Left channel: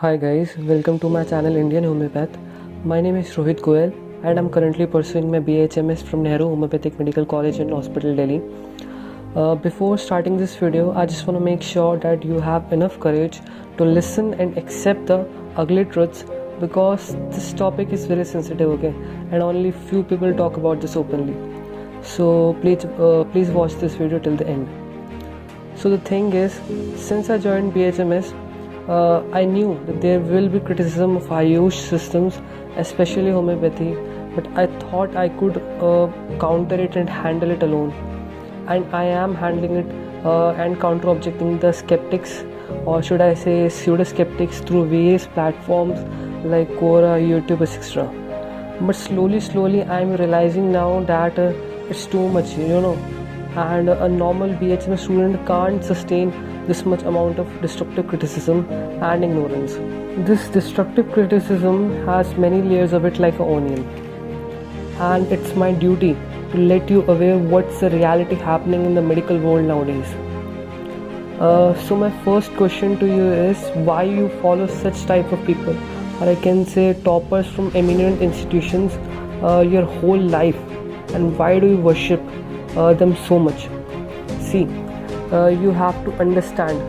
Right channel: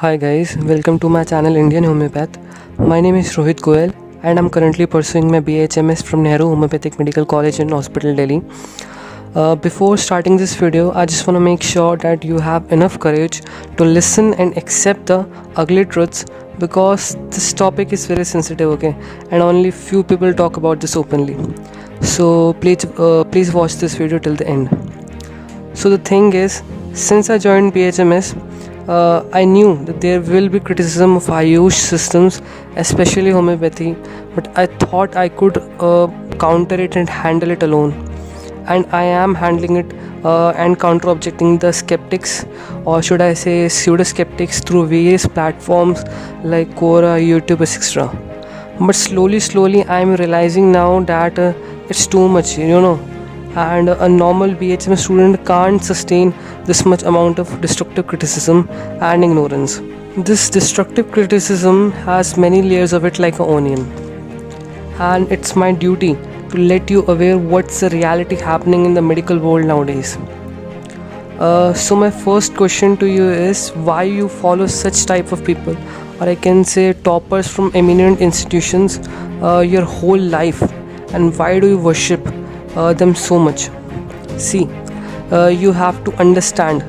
Hi guys, welcome to my channel Indian Homeopath. My name is Rohit Goyal and I'm currently pursuing my BHMS from Nehru Homeopathic Medical College and Hospital, Delhi. Before starting this video, I just want to make sure that you have enough courage to listen and accept the ugly truths because this topic is very sensitive, okay? And only few people talk about this openly. So please watch this video till the end. So the thing is, since I joined BHMS, I knew that there will be criticism of Ayush systems, especially homeopathy, but I thought I could counter it and handle it alone. And I am handling it and counter objecting the skeptics, or should I say pseudo skeptics, through various platforms like Quora, YouTube, etc. But slowly, I am realizing now that it's too much, and a normal BHM student can't sustain this much amount of destructive criticism and ignorance. This destructive criticism has many layers of it like an onion, and it's my duty to let you aware what's the reality happening in the medical world nowadays. So my first question to you is why you follow such type of people, or I can say toppers from eminent institutions, your whole life, and why do you worship them so much? See, you have to understand,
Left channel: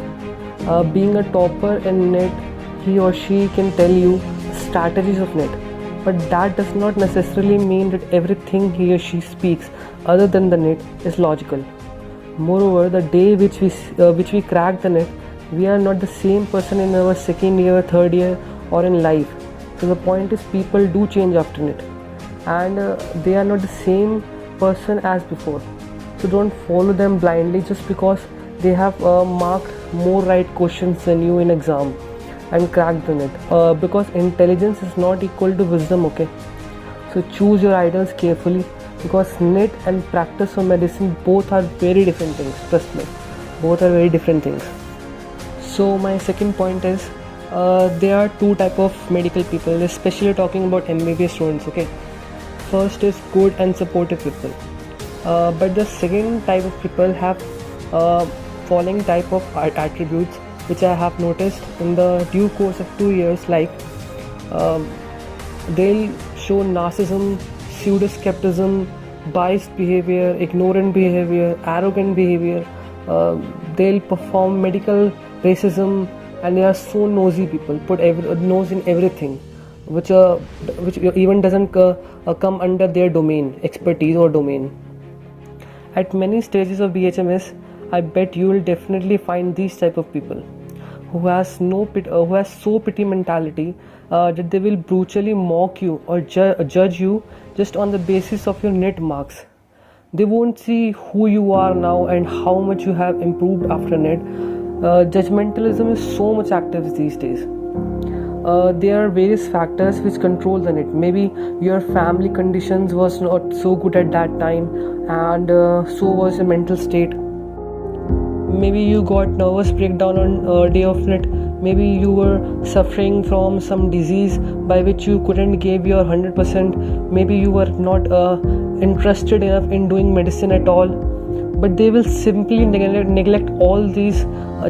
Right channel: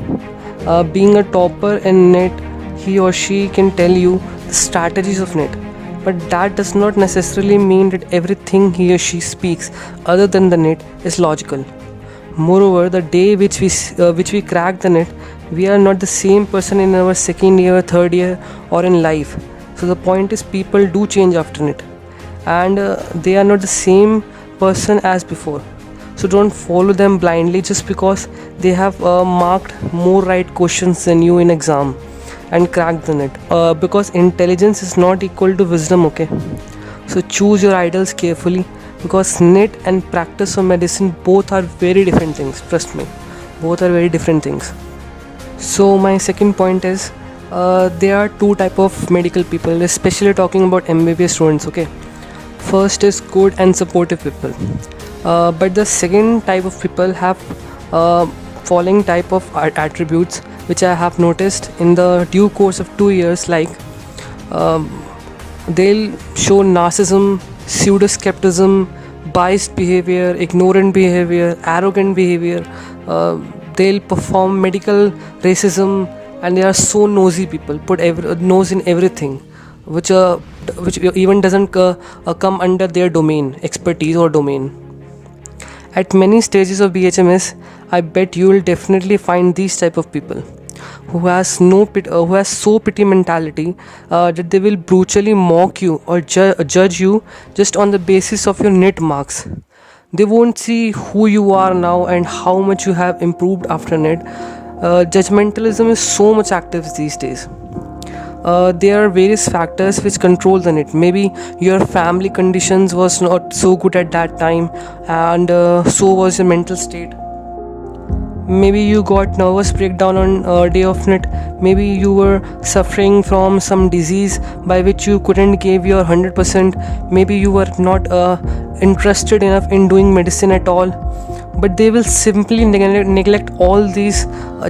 being a topper in net, he or she can tell you the strategies of net, but that does not necessarily mean that everything he or she speaks other than the net is logical. Moreover, the day which we crack the net, we are not the same person in our second year, third year, or in life. So the point is, people do change after net, and they are not the same person as before. So don't follow them blindly just because they have marked more right questions than you in exam and cracked the net, because intelligence is not equal to wisdom, okay? So choose your idols carefully, because net and practice of medicine both are very different things. Trust me, both are very different things. So my second point is, there are two type of medical people, especially talking about MBBS students, okay? First is good and supportive people, but the second type of people have following type of attributes which I have noticed in the due course of 2 years, like they'll show narcissism, pseudo-skepticism, biased behavior, ignorant behavior, arrogant behavior, they'll perform medical racism, and they are so nosy people, put nose in everything, which even doesn't come under their domain, expertise or domain. At many stages of BHMS, I bet you will definitely find these type of people who has so pity mentality that they will brutally mock you or judge you just on the basis of your net marks. They won't see who you are now and how much you have improved after net. Judgmentalism is so much active these days. There are various factors which control the net. Maybe your family conditions was not so good at that time, and so was your mental state. Maybe you got nervous breakdown on day of net. Maybe you were suffering from some disease by which you couldn't give your 100%. Maybe you were not interested enough in doing medicine at all. But they will simply neglect all these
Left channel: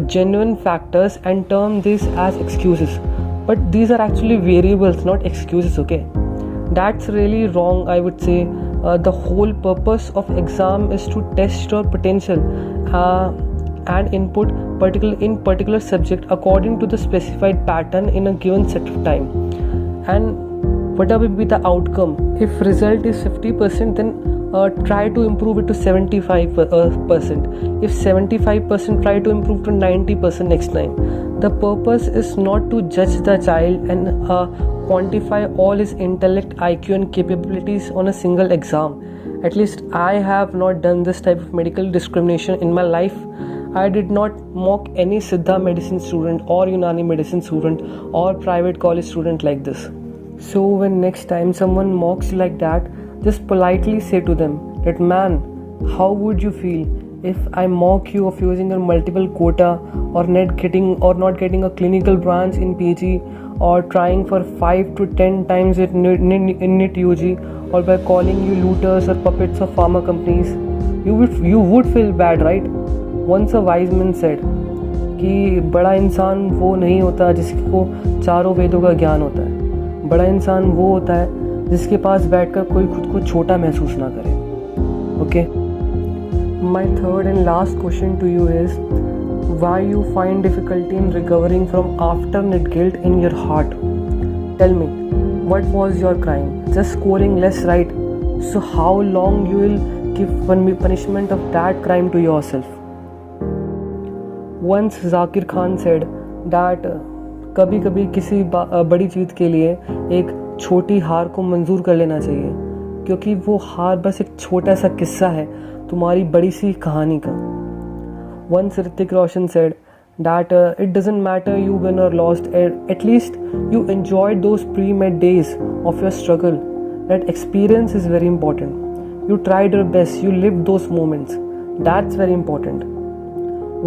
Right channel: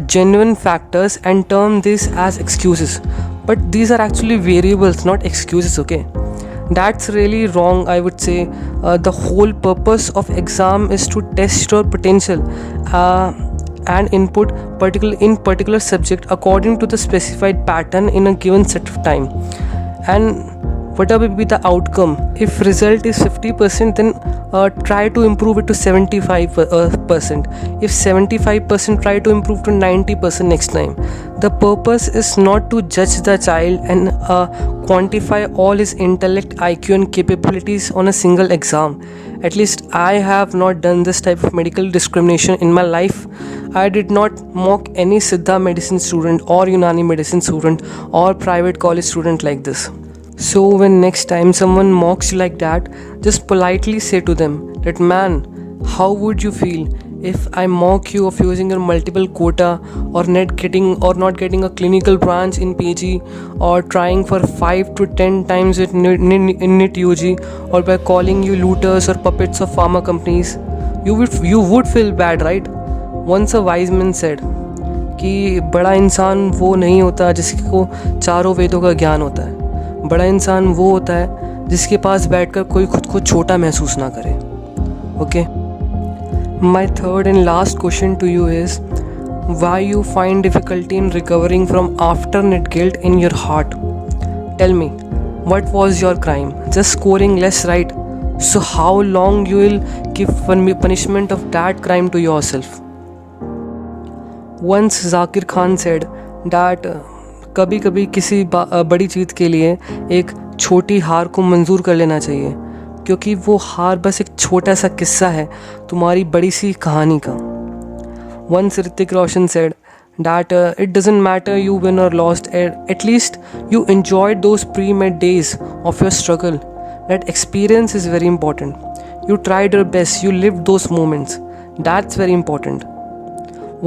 genuine factors and term this as excuses. But these are actually variables, not excuses, okay? That's really wrong, I would say. The whole purpose of exam is to test your potential and input in particular subject according to the specified pattern in a given set of time. And whatever be the outcome, if result is 50%, then try to improve it to 75%. If 75%, try to improve to 90% next time. The purpose is not to judge the child and quantify all his intellect, IQ and capabilities on a single exam. At least I have not done this type of medical discrimination in my life. I did not mock any Siddha medicine student or Unani medicine student or private college student like this. So when next time someone mocks you like that, just politely say to them that, man, how would you feel if I mock you of using your multiple quota, or not getting a clinical branch in PG, or trying for 5 to 10 times in NIT UG, or by calling you looters or puppets of pharma companies? You would feel bad, right? Once a wise man said कि बड़ा इंसान वो नहीं होता जिसको चारों वेदों का ज्ञान होता है। बड़ा इंसान वो होता है जिसके पास बैठकर कोई खुद को छोटा महसूस ना करे। Okay, my third and last question to you is why you find difficulty in recovering from after-net guilt in your heart. Tell me, what was your crime? Just scoring less right. So how long you will give punishment of that crime to yourself? Once Zakir Khan said that कभी कभी किसी बड़ी जीत के लिए एक छोटी हार को मंजूर कर लेना चाहिए, क्योंकि वो हार बस एक छोटा सा किस्सा है तुम्हारी बड़ी सी कहानी का. Once Hrithik Roshan said that it doesn't matter you win or lost, at least you enjoyed those pre-med days of your struggle. That experience is very important. You tried your best, you lived those moments. That's very important.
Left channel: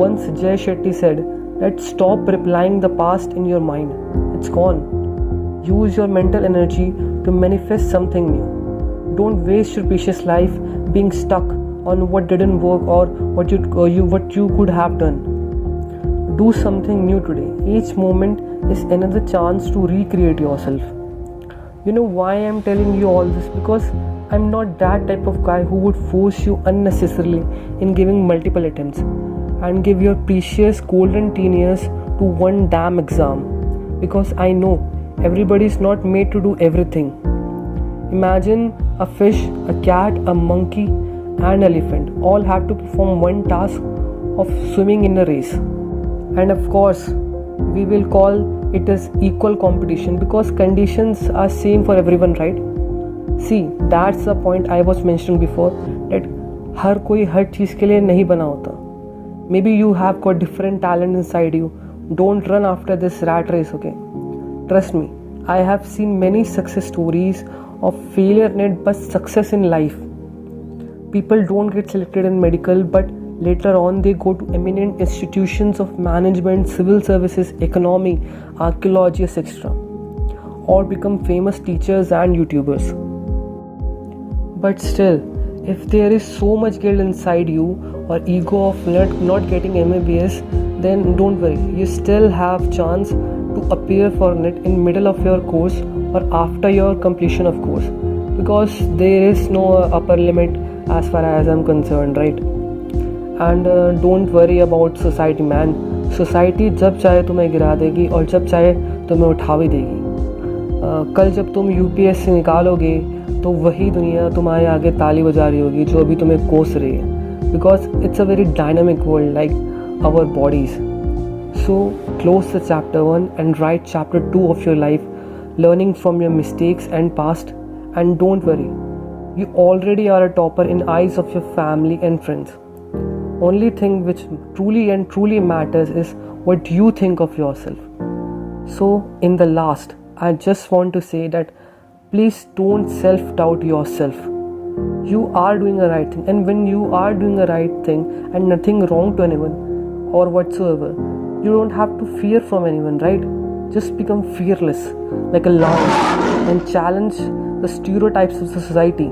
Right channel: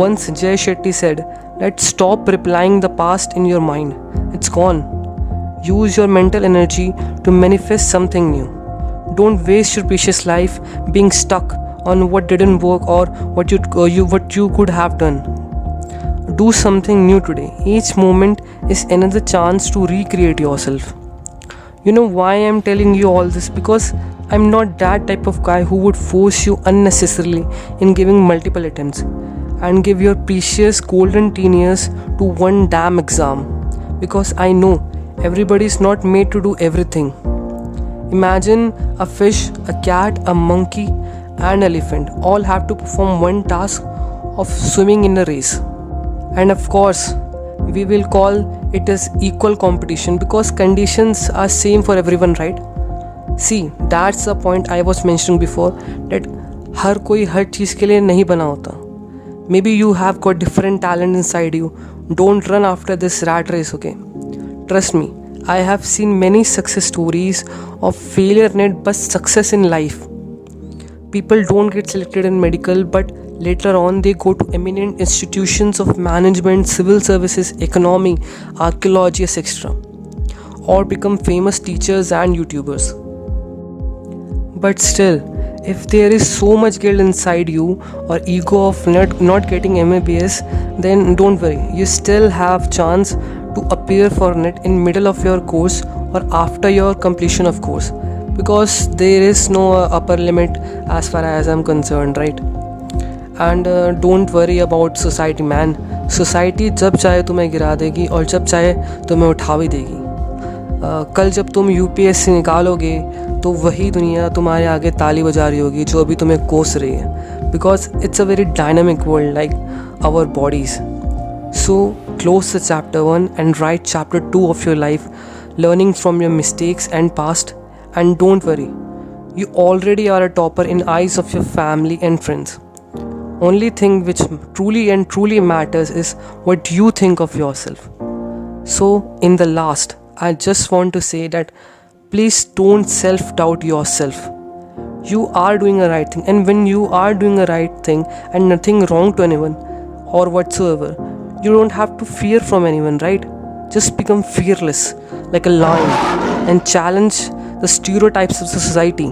Once Jay Shetty said that stop replying the past in your mind. It's gone. Use your mental energy to manifest something new. Don't waste your precious life being stuck on what didn't work or what you could have done. Do something new today. Each moment is another chance to recreate yourself. You know why I'm telling you all this? Because I'm not that type of guy who would force you unnecessarily in giving multiple attempts and give your precious golden teen years to one damn exam. Because I know everybody is not made to do everything. Imagine a fish, a cat, a monkey and elephant all have to perform one task of swimming in a race, and of course we will call it as equal competition because conditions are same for everyone, right? See, that's the point I was mentioning before, that हर कोई हर चीज़ के लिए नहीं बना होता. Maybe you have got different talent inside you. Don't run after this rat race, okay? Trust me, I have seen many success stories of failure and but success in life. People don't get selected in medical, but later on they go to eminent institutions of management, civil services, economy, archaeology, etc. or become famous teachers and YouTubers. But still, if there is so much guilt inside you or ego of not getting MBBS, then don't worry, you still have chance to appear for it in middle of your course or after your completion of course. Because there is no upper limit as far as I'm concerned, right? And don't worry about society, man. Society जब चाहे तुम्हें गिरा देगी और जब चाहे तुम्हें उठा भी देगी. कल जब तुम UPSC निकालोगे तो वही दुनिया तुम्हारे आगे ताली बजा रही होगी जो अभी तुम्हें कोस रही है. Because it's a very dynamic world like our bodies. So close the chapter 1 and write chapter 2 of your life, learning from your mistakes and past. And don't worry, you already are a topper in eyes of your family and friends. Only thing which truly matters is what you think of yourself. So in the last, I just want to say that please don't self-doubt yourself. You are doing the right thing, and when you are doing the right thing and nothing wrong to anyone or whatsoever, you don't have to fear from anyone, right? Just become fearless like a lion and challenge the stereotypes of the society,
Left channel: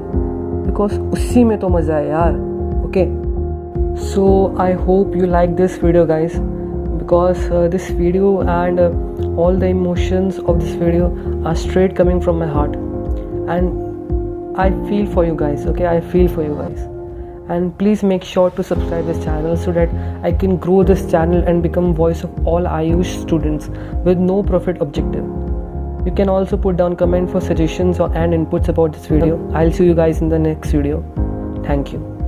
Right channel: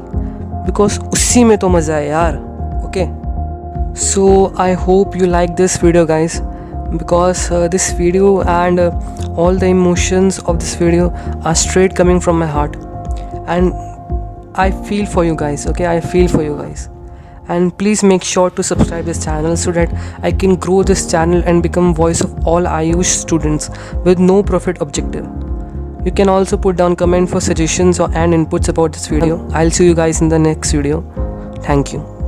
because उसी में तो मज़ा है यार. Okay, so I hope you like this video, guys, because this video and all the emotions of this video are straight coming from my heart, and I feel for you guys. Okay, I feel for you guys, and please make sure to subscribe this channel so that I can grow this channel and become voice of all Ayush students with no profit objective. You can also put down comment for suggestions and inputs about this video. I'll see you guys in the next video. Thank you.